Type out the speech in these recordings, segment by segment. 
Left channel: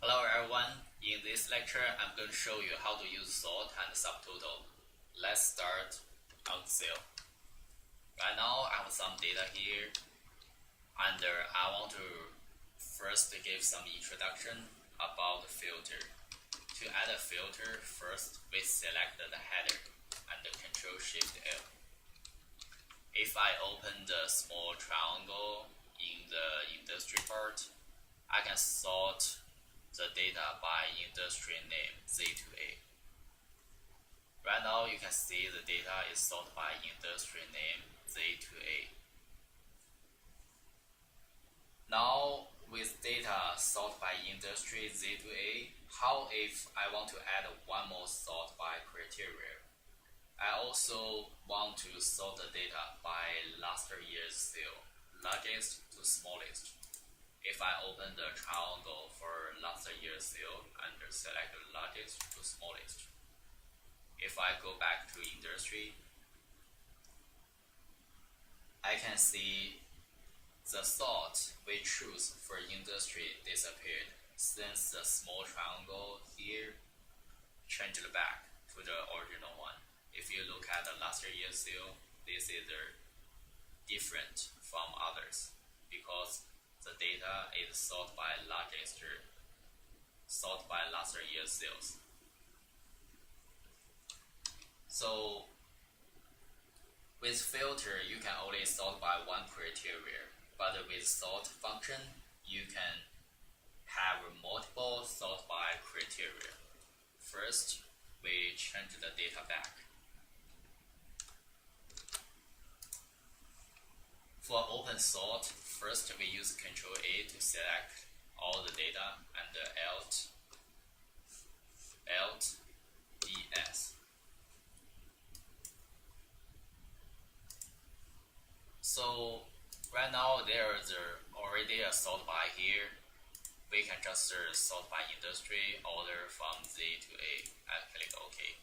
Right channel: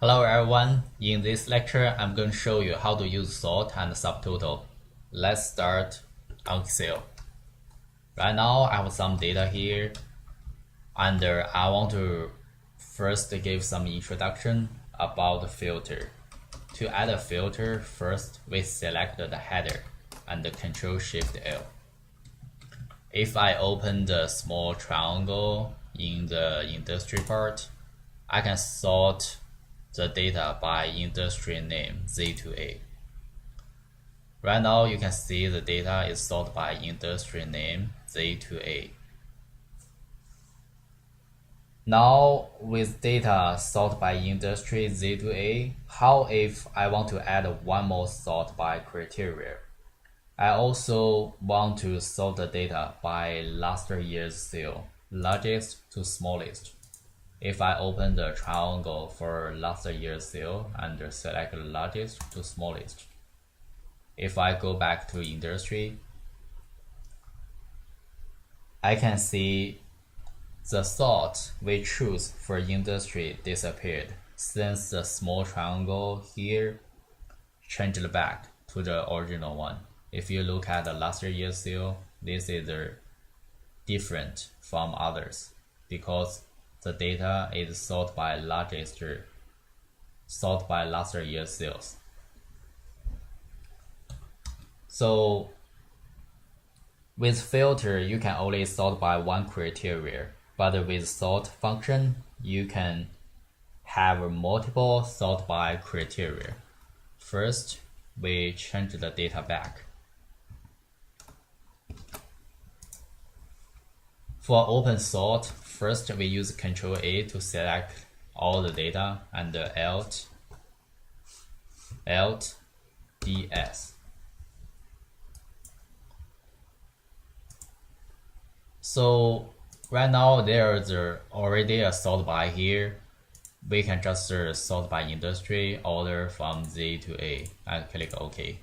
Hello everyone, in this lecture I'm going to show you how to use sort and subtotal. Let's start on Excel. Right now I have some data here and I want to first give some introduction about the filter. To add a filter, first we select the header and Control Shift L. If I open the small triangle in the industry part, I can sort the data by industry name Z to A. Right now you can see the data is sorted by industry name Z to A. Now with data sorted by industry Z to A, how if I want to add one more sort by criteria? I also want to sort the data by last year's sale, largest to smallest. If I open the triangle for last year's sale and select largest to smallest, if I go back to industry, I can see the sort we choose for industry disappeared since the small triangle here changed back to the original one. If you look at the last year's sale, this is different from others because the data is sorted by last year's sales. So with filter, you can only sort by one criteria, but with sort function, you can have multiple sort by criteria. First, we change the data back. For open sort, first we use Ctrl A to select all the data and Alt DS. So right now there's already a sort by here. We can just sort by industry, order from Z to A, and click OK.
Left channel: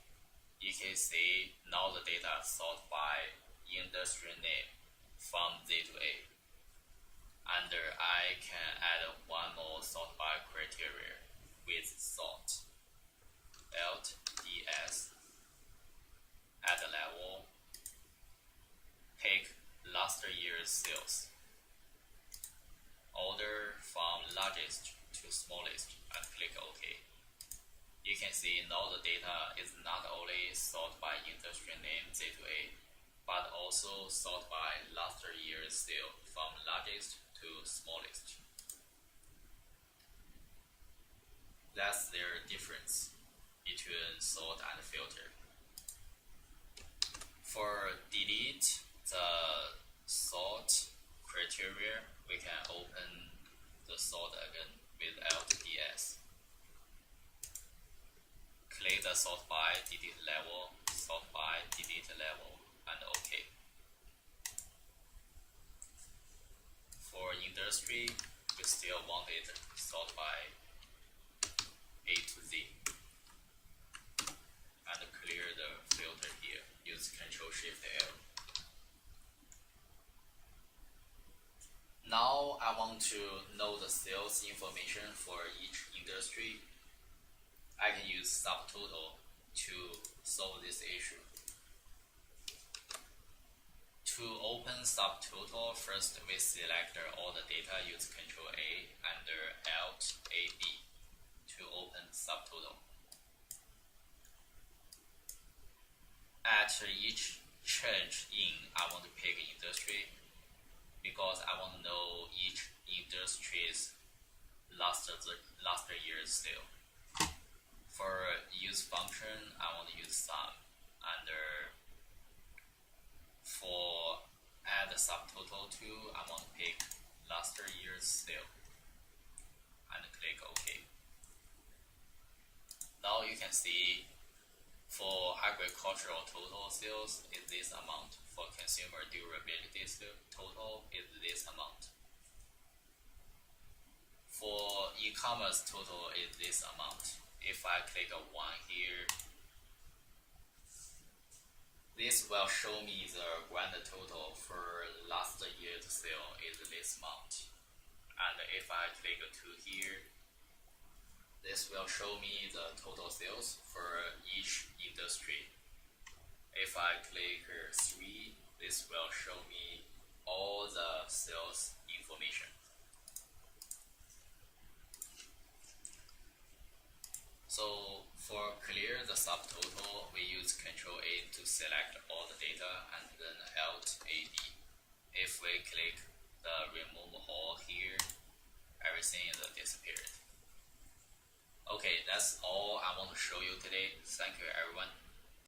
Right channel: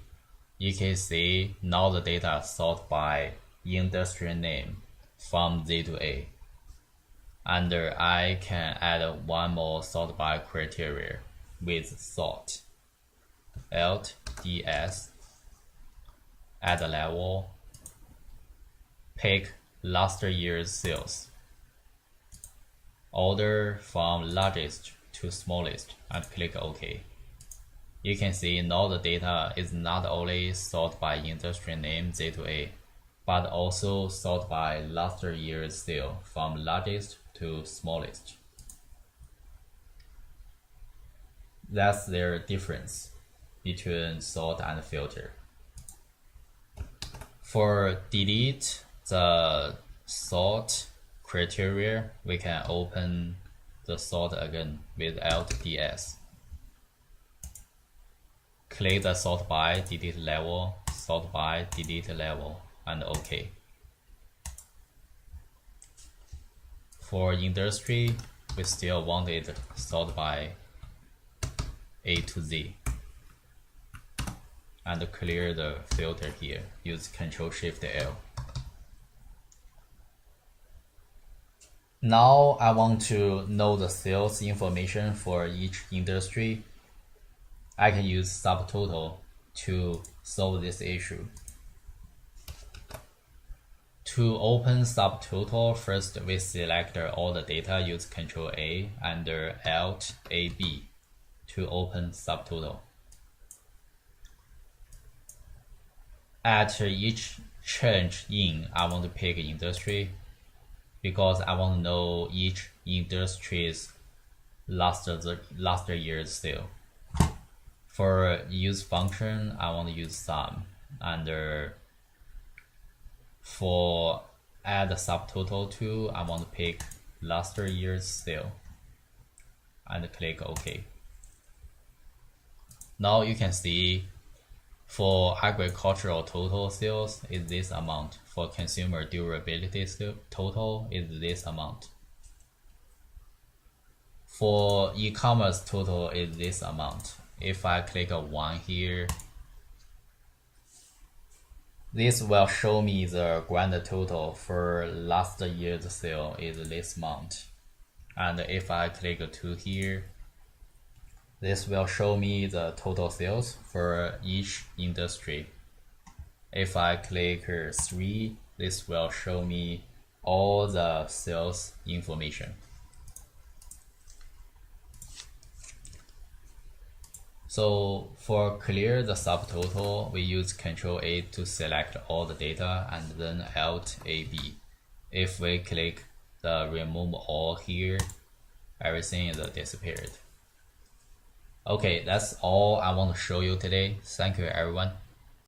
You can see now the data sort by industry name from Z to A. And I can add one more sort by criteria with sort. Alt DS, add a level, pick last year's sales, order from largest to smallest, and click OK. You can see now the data is not only sort by industry name Z to A, but also sort by last year's sale from largest to smallest. That's their difference between sort and filter. For delete the sort criteria, we can open the sort again with Alt DS. Click the sort by, delete level, sort by, delete level, and OK. For industry, we still want it sort by A to Z. And clear the filter here. Use Ctrl Shift L. Now I want to know the sales information for each industry. I can use Subtotal to solve this issue. To open Subtotal, first we select all the data, use Ctrl A and Alt AB to open Subtotal. At each change in, I want to pick industry because I want to know each industry's last year's sale. For use function, I want to use sum, and for add a subtotal to, I want to pick last year's sale and click OK. Now you can see for agricultural total sales is this amount. For consumer durability total is this amount. For e-commerce total is this amount. If I click a 1 here, this will show me the grand total for last year's sale is this amount. And if I click a 2 here, this will show me the total sales for each industry. If I click 3, this will show me all the sales information. So for clear the subtotal, we use Ctrl A to select all the data and then Alt AB. If we click the remove all here, everything is disappeared. Okay, that's all I want to show you today. Thank you everyone.